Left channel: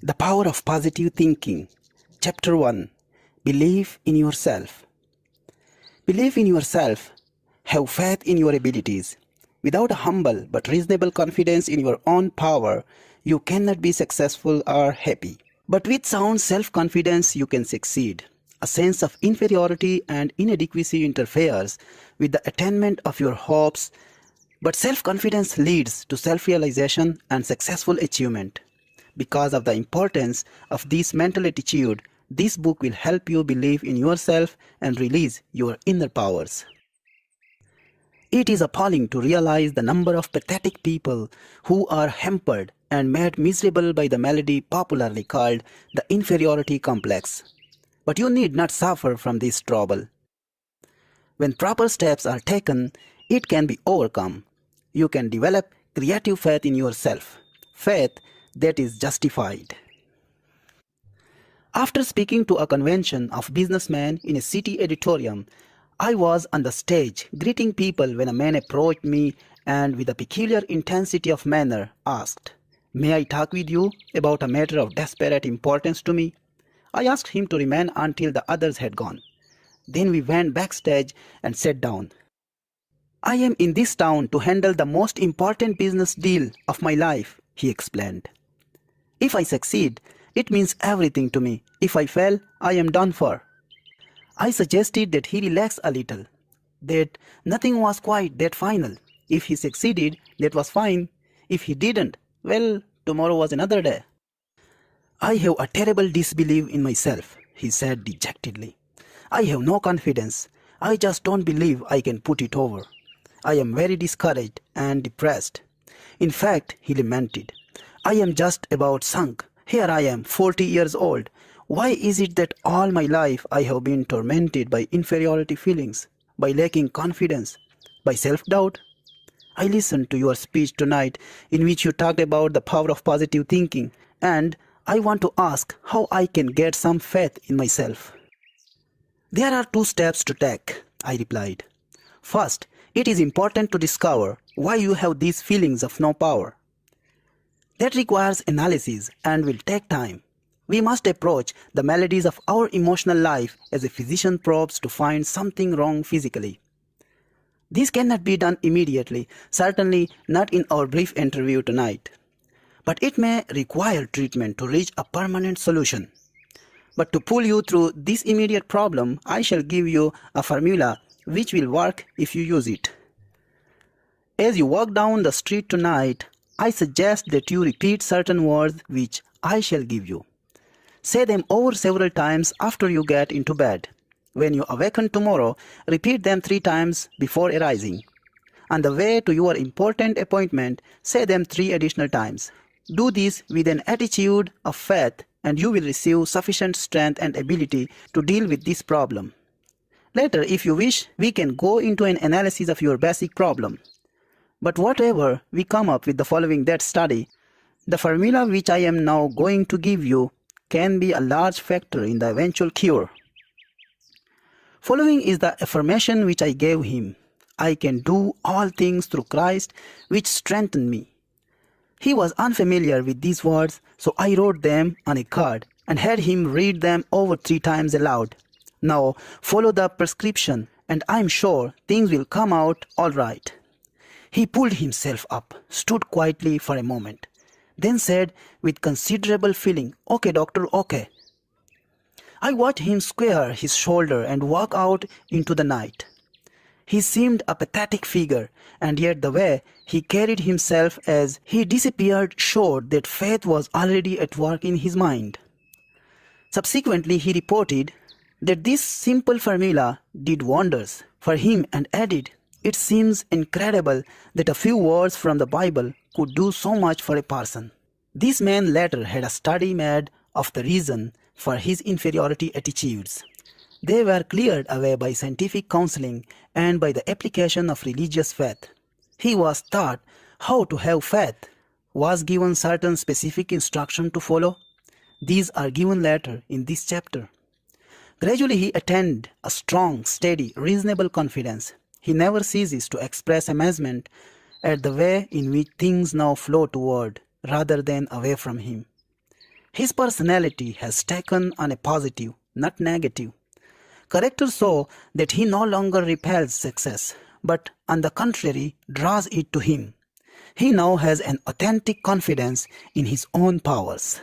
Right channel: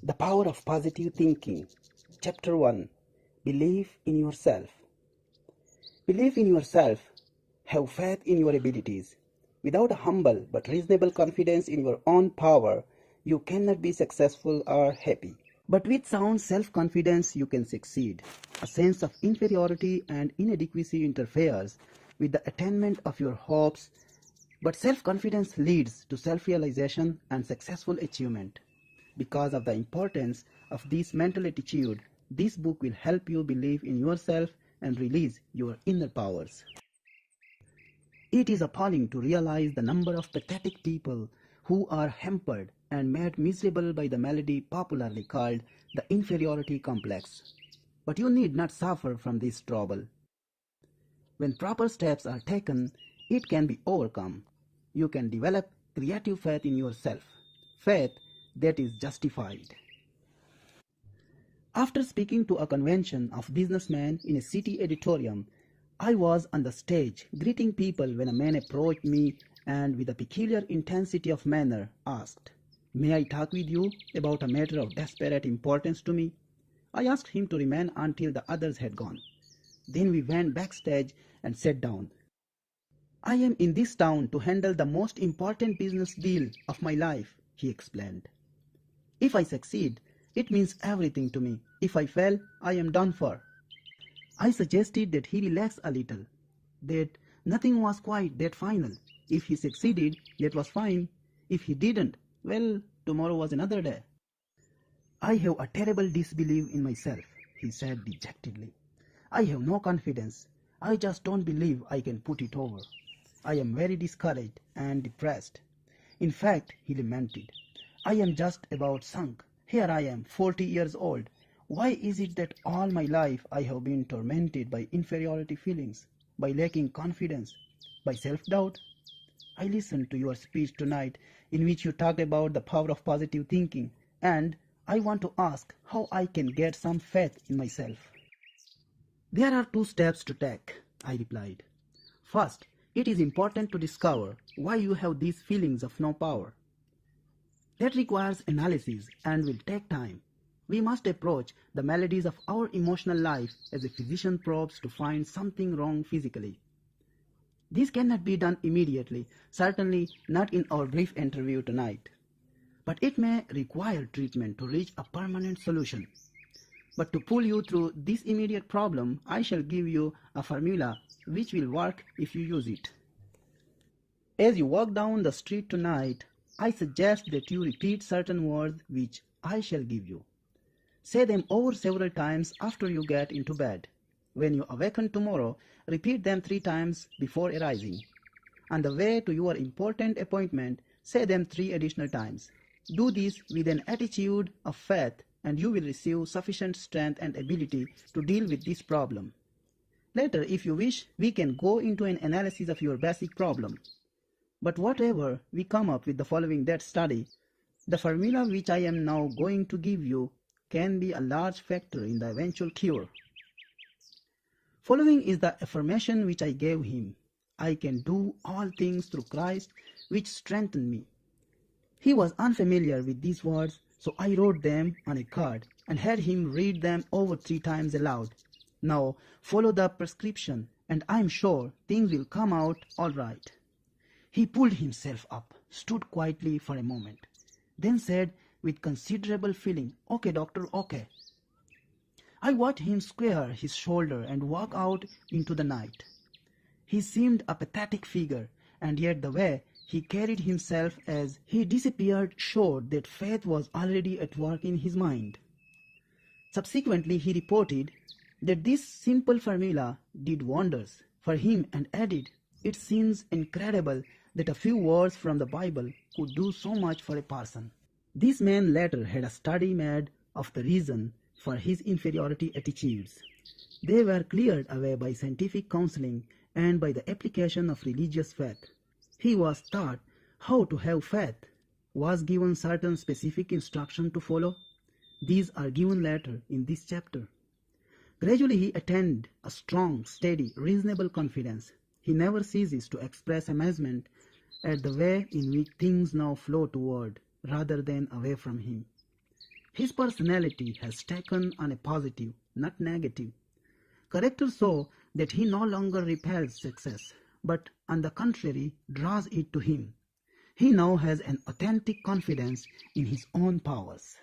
The Power of Positive Thinking. Chapter 1. Believe in yourself. Believe in yourself. Have faith in your abilities. Without a humble but reasonable confidence in your own power, you cannot be successful or happy. But with sound self-confidence, you can succeed. A sense of inferiority and inadequacy interferes with the attainment of your hopes, but self-confidence leads to self-realization and successful achievement. Because of the importance of this mental attitude, this book will help you believe in yourself and release your inner powers. It is appalling to realize the number of pathetic people who are hampered and made miserable by the malady popularly called the inferiority complex. But you need not suffer from this trouble. When proper steps are taken, it can be overcome. You can develop creative faith in yourself, faith that is justified. After speaking to a convention of businessmen in a city auditorium, I was on the stage greeting people when a man approached me and with a peculiar intensity of manner asked, "May I talk with you about a matter of desperate importance to me?" I asked him to remain until the others had gone. Then we went backstage and sat down. "I am in this town to handle the most important business deal of my life," he explained. "If I succeed, it means everything to me. If I fail, I am done for." I suggested that he relax a little, that nothing was quite that final. If he succeeded, that was fine. If he didn't, well, tomorrow was another day. "I have a terrible disbelief in myself," he said dejectedly. "I have no confidence. I just don't believe I can put it over. I am very discouraged and depressed. In fact," he lamented, "I am just about sunk. Here I am, 40 years old. Why is it that all my life I have been tormented by inferiority feelings, by lacking confidence, by self-doubt? I listened to your speech tonight in which you talked about the power of positive thinking, and I want to ask how I can get some faith in myself." "There are 2 steps to take," I replied. "First, it is important to discover why you have these feelings of no power. That requires analysis and will take time. We must approach the maladies of our emotional life as a physician probes to find something wrong physically. This cannot be done immediately, certainly not in our brief interview tonight. But it may require treatment to reach a permanent solution. But to pull you through this immediate problem, I shall give you a formula which will work if you use it. As you walk down the street tonight, I suggest that you repeat certain words which I shall give you. Say them over several times after you get into bed. When you awaken tomorrow, repeat them 3 times before arising. On the way to your important appointment, say them 3 additional times. Do this with an attitude of faith and you will receive sufficient strength and ability to deal with this problem. Later, if you wish, we can go into an analysis of your basic problem. But whatever we come up with the following that study, the formula which I am now going to give you can be a large factor in the eventual cure. Following is the affirmation which I gave him. I can do all things through Christ which strengthen me. He was unfamiliar with these words, so I wrote them on a card and had him read them over 3 times aloud. Now follow the prescription and I am sure things will come out all right. He pulled himself up, stood quietly for a moment, then said with considerable feeling, "Okay, doctor, okay." I watched him square his shoulder and walk out into the night. He seemed a pathetic figure, and yet the way he carried himself as he disappeared showed that faith was already at work in his mind. Subsequently, he reported that this simple formula did wonders for him and added, "It seems incredible that a few words from the Bible could do so much for a person." This man later had a study made of the reason for his inferiority attitudes. They were cleared away by scientific counseling and by the application of religious faith. He was taught how to have faith, was given certain specific instructions to follow. These are given later in this chapter. Gradually he attained a strong, steady, reasonable confidence. He never ceases to express amazement at the way in which things now flow toward rather than away from him. His personality has taken on a positive, not negative. Character so that he no longer repels success, but on the contrary draws it to him. He now has an authentic confidence in his own powers.